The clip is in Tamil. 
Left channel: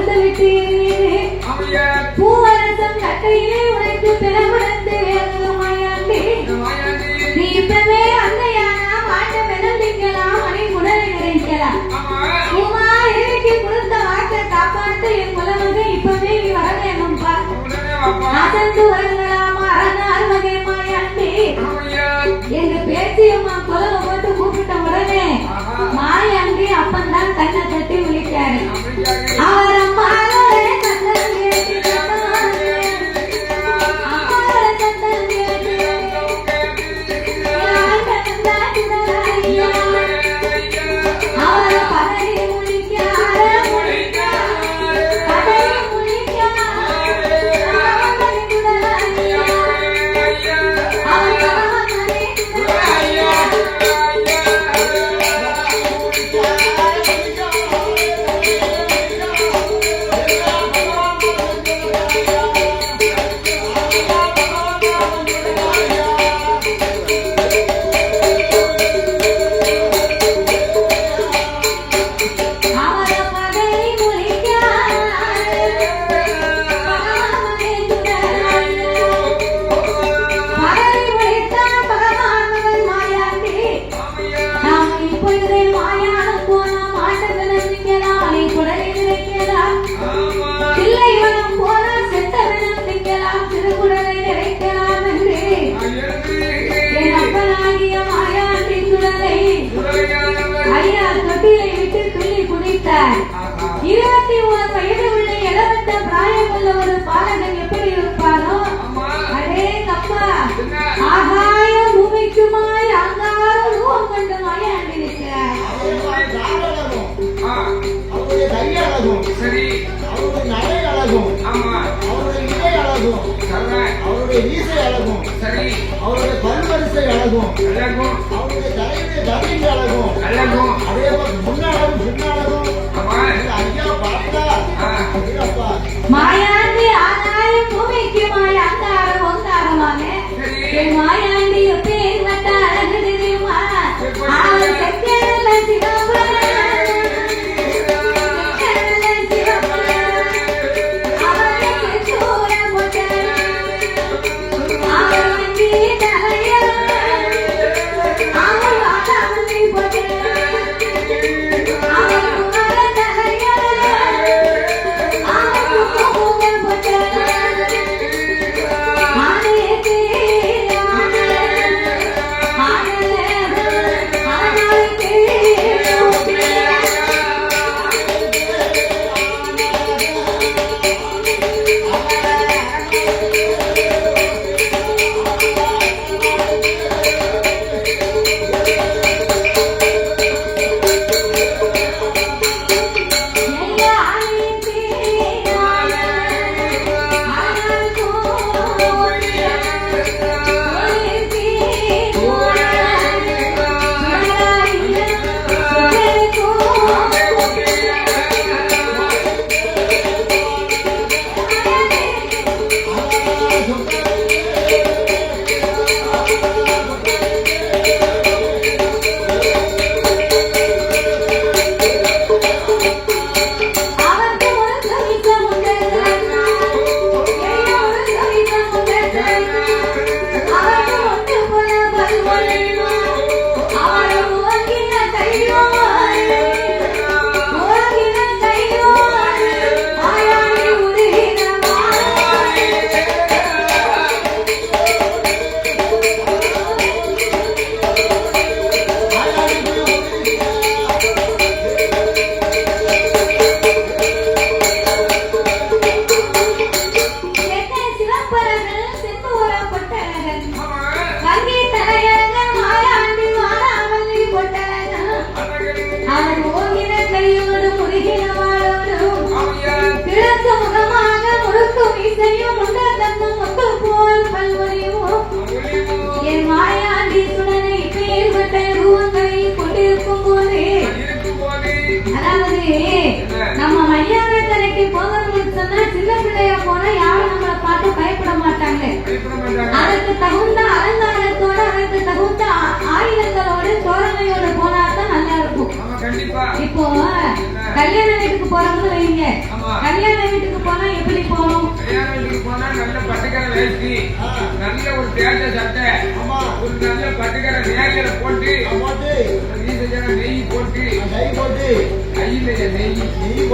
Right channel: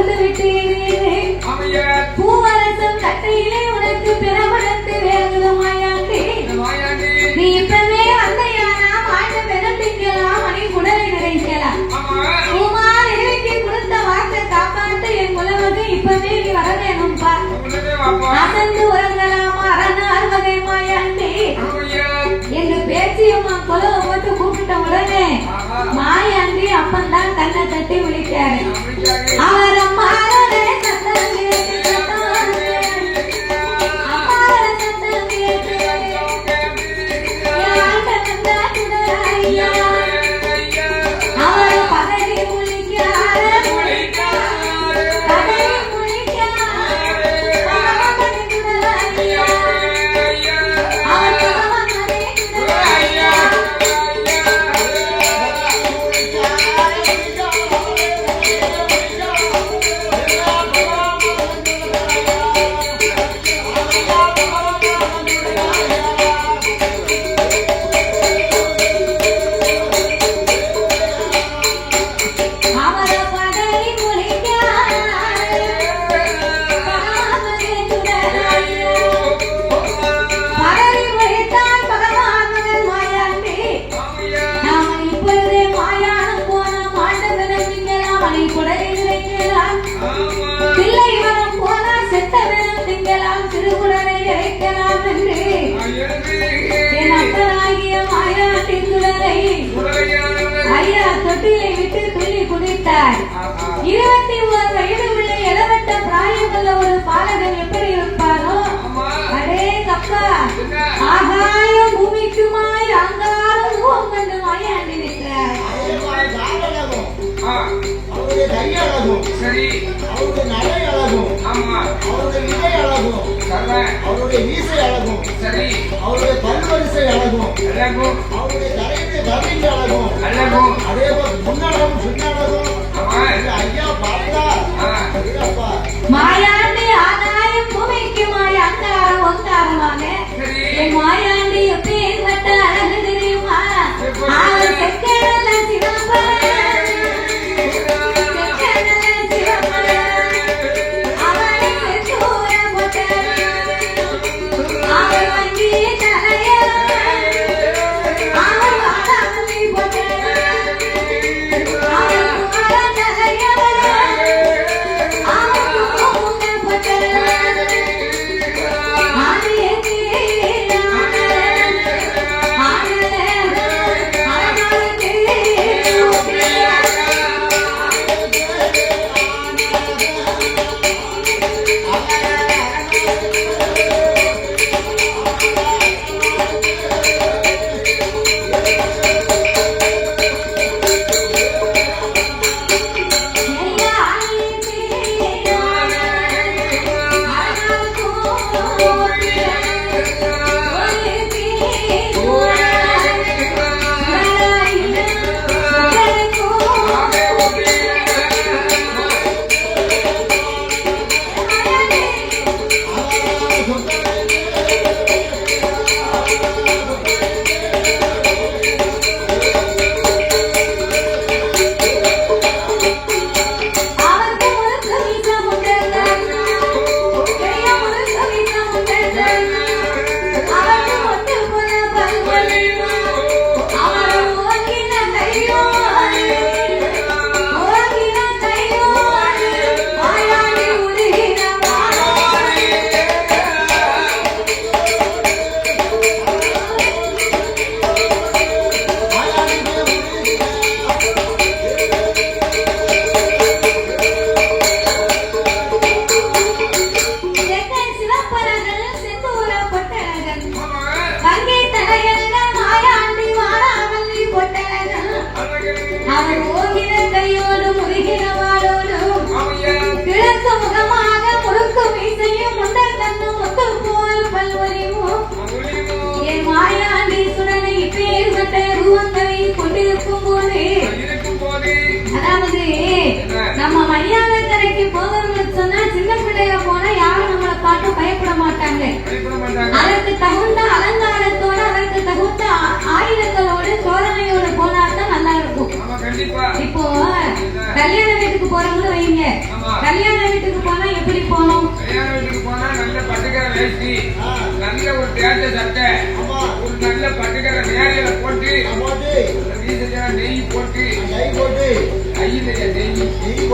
அமர்ந்து விட்டீரே. பூவரசம் கட்டையிலே உடைத்து பெறமடந்து வேதமாயாண்டே நீ இப்பவே அன்னையானா? மாட்ட வெறும் திங்கலாம் அணி உடல் நினைக்கலாம் கொடுத்த வாக்கை காப்பாற்று என் உலகமே இப்பவே நீ வர வேணும்பா அசந்து உறங்கலாமா அறநாள் வகை மாயாண்டே. கூப்பிட்ட உடனே மாயாண்டி அப்பந்தான் கண்ணை தட்டி விழிக்காரு அவர் சரி. அவருடைய நடை அழகும், ஆமா. அவருடைய இடை அழகும், சர்வன் அவருடைய ஈசை அழகும், சரி. அவருடைய பல்வரிசை அழகும், அழகும் அவருடைய கரைக்கு போகிறவங்களுக்கு சொன்னா சின்ன பிள்ளையா போனா யாரும் நம்மளை பார்த்து பயப்பட மாட்டாங்க. பயப்பட மாட்டாங்க. அதற்கு தகுந்த அலங்காரத்தோட அதற்கு தகுந்த ஆயுதங்களோட தோரணையோட போனா தான் நல்லா இருக்கும். இப்போ கல்யாண வீட்டுக்கு போறோம்னு வைங்க. கல்யாண வீட்டுக்கு போனா எப்படி போகணும்? கல்யாண வீட்டுக்கு போனா நல்ல பட்டுக்கரை வேஷ்டி நல்ல ஒரு தேட்ட சட்டை ஆமா. ஒரு நல்ல பட்டுக்கரை நேரில போட்டு நெய் போட்டு கை போட்டு. கையில நெய். நெய் நெய்